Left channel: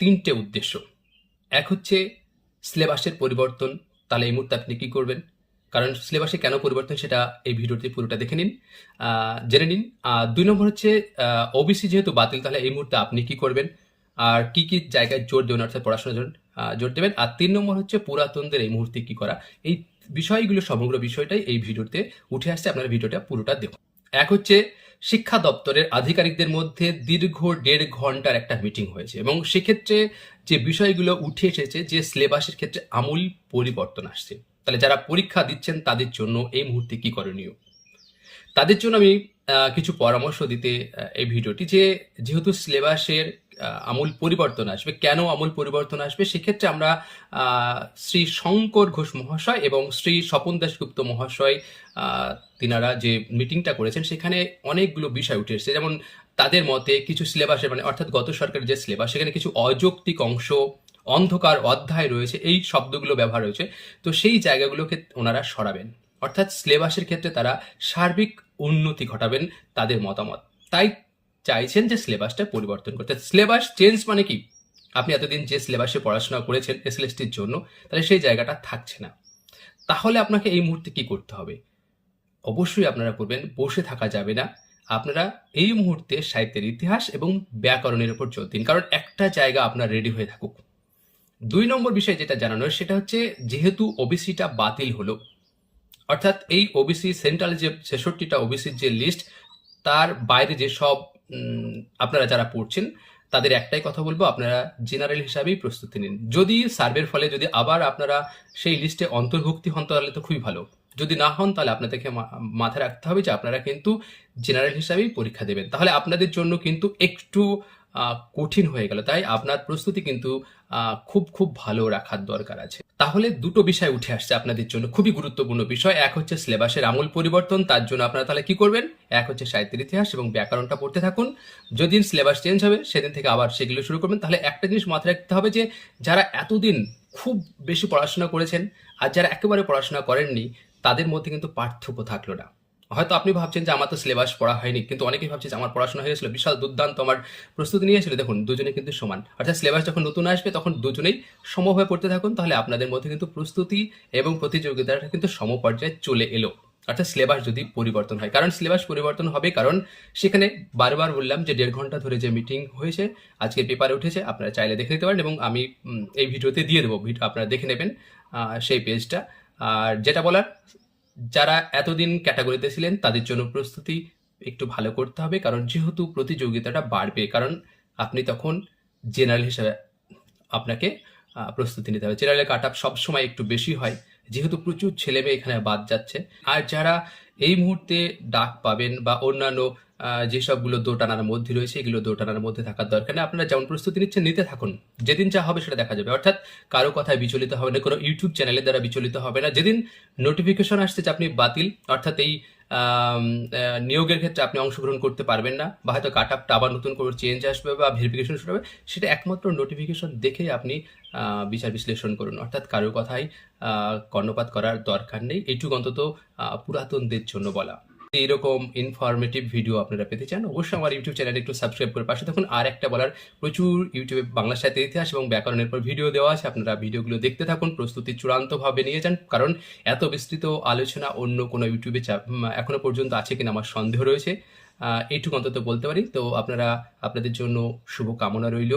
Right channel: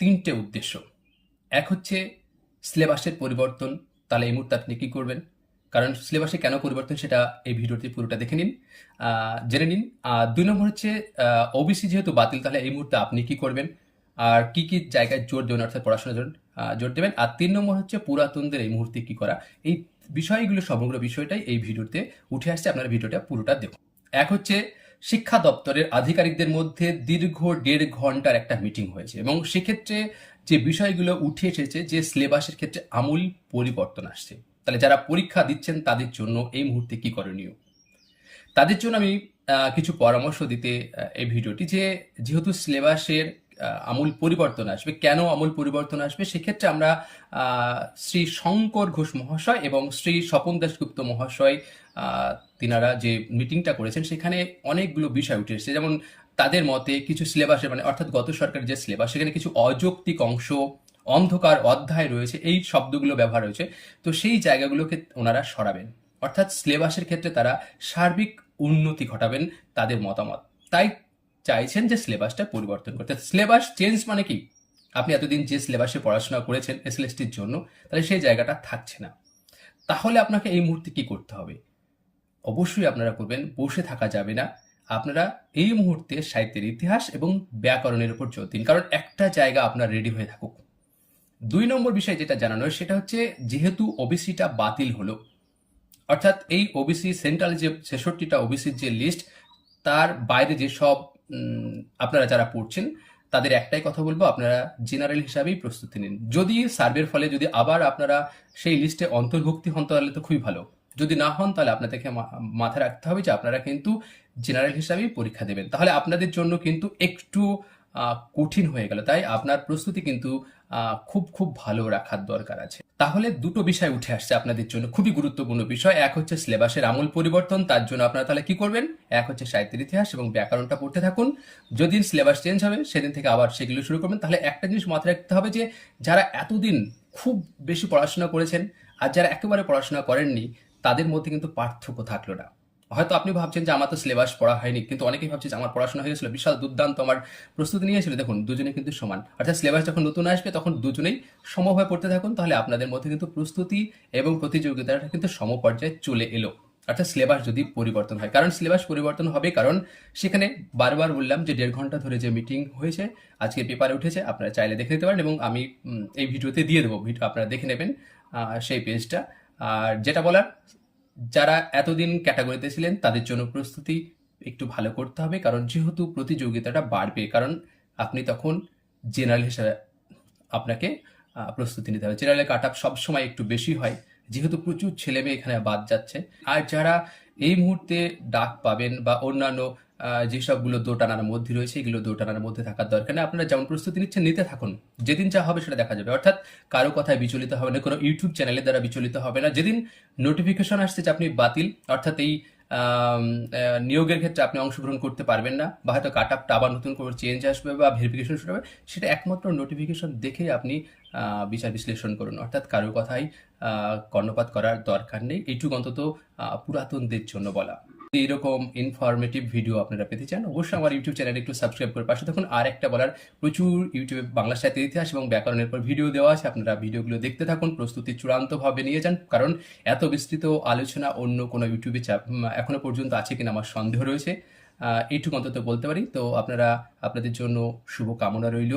তিনটে উদ্দেশ্য। এক হচ্ছে সিলেবাসের পরিবর্তন। তাহলে এই মুহূর্তে আপনি কি করবেন? কারণ সিলেবাসে কেন পরিবর্তন সেটা এই ভিডিওতে পুরোটা দেখে নিন, জেনে নিন। ২ নম্বর হচ্ছে ওবিসি যেহেতু বাতিল, তাহলে এই মুহূর্তে আপনি কি করবেন? আর কি জায়গায় জোর দেবেন, অর্থাৎ পড়াশোনার জন্য জোর দেবেন। আর ৩ নম্বর হচ্ছে পুরাতনদের এই মুহূর্তে কি করা। এই বিষয়গুলো, সমগ্র বিষয়টাই এই ভিডিওতে উঠে আসছে। আপনারা ভিডিওটা পুরোটা দেখুন। এক হচ্ছে শিক্ষা দপ্তরের আধিকারিকদের মধ্যে দীর্ঘ ১.৫ ঘন্টার একটা মিটিং হয়েছে এবং সেক্ষেত্রে যে বিষয়গুলো উঠে এসেছে যে সিলেবাসের ক্ষেত্রে আমূল পরিবর্তন আসছে। তাহলে যারা পরীক্ষা দিচ্ছেন তাদের জন্য এই মুহূর্তে কি করণীয়? তাদের জন্য আমি কিছু পরামর্শ দিতে এই ভিডিওটি, যেহেতু সিলেবাসের আমূল পরিবর্তন আসবে। কেন আমূল পরিবর্তন আসবে? সেক্ষেত্রে আমরা আ শ্রী শঙ্কর ঘোষ মহাশয় এবং শ্রী স্বপন দাশগুপ্ত মহাশয় তিনারা যে মিটিংটা করেছেন সেখানে অনেকগুলো বিষয় উঠে এসেছে। যেমন তাদের মতে কিছু সিলেবাসের অর্থাৎ গত সরকারের যে সিলেবাস সেখানে কিছু অযৌক্তিক অংশ, অন্ধকার অধ্যায় রয়েছে, এই শব্দগুলো ব্যবহার হয়েছে। তো সেই জায়গাগুলোকে ওনারা সরাবেন। অর্থাৎ সিলেবাসের ক্ষেত্রে তারা সার্বিক উন্নতি ঘটাবেন তাদের মতামত। তাই চাইছেন যে সিলেবাসটা পরিবর্তন করতে। সিলেবাস চেঞ্জ মানে কি? আপনি এতদিন যে সিলেবাসে পড়াশোনা করেছেন এসএলএসটির জন্য, তাহলে সেই জায়গাটা থাকছে না। তাহলে আপনাকে এই মুহূর্তে কি করতে হবে? অবশ্যই আপনারা করবেন, বসে থাকা যাবে না। আপনারা এই মুহূর্তে সাহিত্যের ইতিহাস এবং ব্যাকরণের উপর জোর দিন। কারণ একটা জায়গা আপনার রেডি হয়ে থাকুক। ২ নম্বর বিষয় যেটা জানানোর সেটা হচ্ছে, যেহেতু ওবিসিটা বাতিল হলো, অর্থাৎ এই ওবিসি সেন্ট্রাল যে ৬৬টা ওবিসির যে লিস্ট, তার বাইরে যেসব আপনারা যারা পড়ছেন তাদের একটাই কথা বলবো, আপনারা জেনারেল হিসাবেই প্রস্তুতি নিন। যদি সার্ভের ফলে যদি আবার আপনারা সেই লিস্টে অন্তর্ভুক্তি হন তাহলে তো খুবই ভালো। যদি না হন তাহলে আপনাদেরকে মাথায় রাখতে হবে যে আপনারা কিন্তু জেনারেল হিসাবেই পরীক্ষা দেবেন। তাহলে আপনাদের জন্য কিন্তু একটু কঠিন হয়ে গেল। তাই আপনার প্রস্তুতি কিন্তু খুব ভালো রাখার দরকার আছে। তাহলে দুটো বিষয় উঠে আসছে আপনাদের জন্য, খুবই গুরুত্বপূর্ণ বিষয়। এক হচ্ছে সিলেবাসের আমূল পরিবর্তন, তার জন্য আপনারা তাহলে কি করবেন? এক হচ্ছে সাহিত্যের ইতিহাস এবং ব্যাকরণটা পড়তে থাকুন। যেদিন সিলেবাস চেঞ্জ হবে সেদিন থেকে আবার সেগুলো শুরু করবেন। তাহলে একটা জিনিস মাথায় রাখতে হবে যে যারা এতদিন খুব বেশি পড়াশোনা করেছেন আর যারা একেবারে পড়াশোনা করেননি, তাদের মধ্যে কিন্তু পার্থক্য থাকলো না। হয়তো আপনি ভাবছেন যে আমার তো সিলেবাস পড়া হয়নি, কিন্তু অনেকেই ভাবছে যে আমার পড়াশোনা হয়ে গেছিল, বিশাল দুর্দান্ত আমার প্রস্তুতি নিয়েছিল। দেখুন, দুজনে কিন্তু সমান। অর্থাৎ সিলেবাস যখন নতুন আসবে তখন দুজনেই সমভাবে পড়তে থাকুন, তাহলে আপনাদের মধ্যে কিন্তু প্রস্তুতি এবং প্রতিযোগিতাটা কিন্তু সমপর্যায়ে চলে এলো। অর্থাৎ সিলেবাস যদি পরিবর্তন হয়, কারণ সিলেবাস পরিবর্তন হবে, কারণ সেখানে বারবার বললাম যে ১.৫ ঘন্টা ধরে যে মিটিং হয়েছে আজকে পেপারে উঠেছে, আপনারা চাইলে দেখে নিতে পারেন এবং আমি এই ভিডিওতে দিয়ে দেবো, আপনারা দেখে নেবেন সেই পেজটা। আর যেটা বলার, যারা এতদিন ক্যাটাগরিতে ছিলেন তাদের জন্য প্রস্তুতি একটু ভালো করতে হবে, কারণ যেহেতু প্রতিযোগিতাটা বাড়বে, কারণ আপনি তখন জেনারেল হিসেবে আপনাকে প্রস্তুতি নিতে হবে। জেনারেলে কাট অফ সবসময় একটু বেশি হয়, যেহেতু প্রচুর ছেলে মেয়ে এখানে বাদ যাচ্ছে। আর যারা এই মুহূর্তে ডাক পাবেন বা অন্যান্য যেসবগুলো দোটানার মধ্যে রয়েছে, এগুলো দোটানার মধ্যে থাকার দরকার নেই। আপনারা যেমন প্রস্তুতি নিচ্ছেন নিতে থাকুন, যেদিন যা হবে সেটা দেখা যাবে। অর্থাৎ কারো কথায় বিচলিত হবে না, কোনো ইউটিউব চ্যানেলের দ্বারা বিচলিত হবে না। যেদিন নোটিফিকেশন আসছে যে আপনি বাতিল, অর্থাৎ এই নিয়োগের ক্ষেত্রে আপনি অংশগ্রহণ করতে পারবেন না, বা হয়তো কাট আপটা আবার নতুন করে চেঞ্জ আসবে বা ভেরিফিকেশন শুরু হবে, সেটা একমাত্র নোটিফিকেশন দেখে আপনি বিচার বিশ্লেষণ করুন। অর্থাৎ কারো কথাই কর্ণপাত করার দরকার নেই। এইটুকু অন্তত পুরাতনদের জন্য বলা। এরকম ইনফরমেটিভ ভিডিও আপনারা পেতে চান, অবশ্যই আমার ইউটিউব চ্যানেলে একটু সাবস্ক্রাইব করে পাশে থাকুন। আর একটা বলার, প্রচুর ইউটিউবে বাংলা সাহিত্যের ইতিহাস এবং ব্যাকরণের পর ভিডিও দেওয়া আছে, আপনারা ভিডিওগুলো দেখতে থাকুন, প্রস্তুতি চূড়ান্তভাবে নিয়ে যান। কারণ এত বিস্তৃত আলোচনা অন্য কোনো ইউটিউবে এখনো পর্যন্ত আছে কিনা আমার সন্দেহ রয়েছে। এইটুকু অন্তত বলতে পারি। তো আপনাদের জন্য শুভকামনা রইল।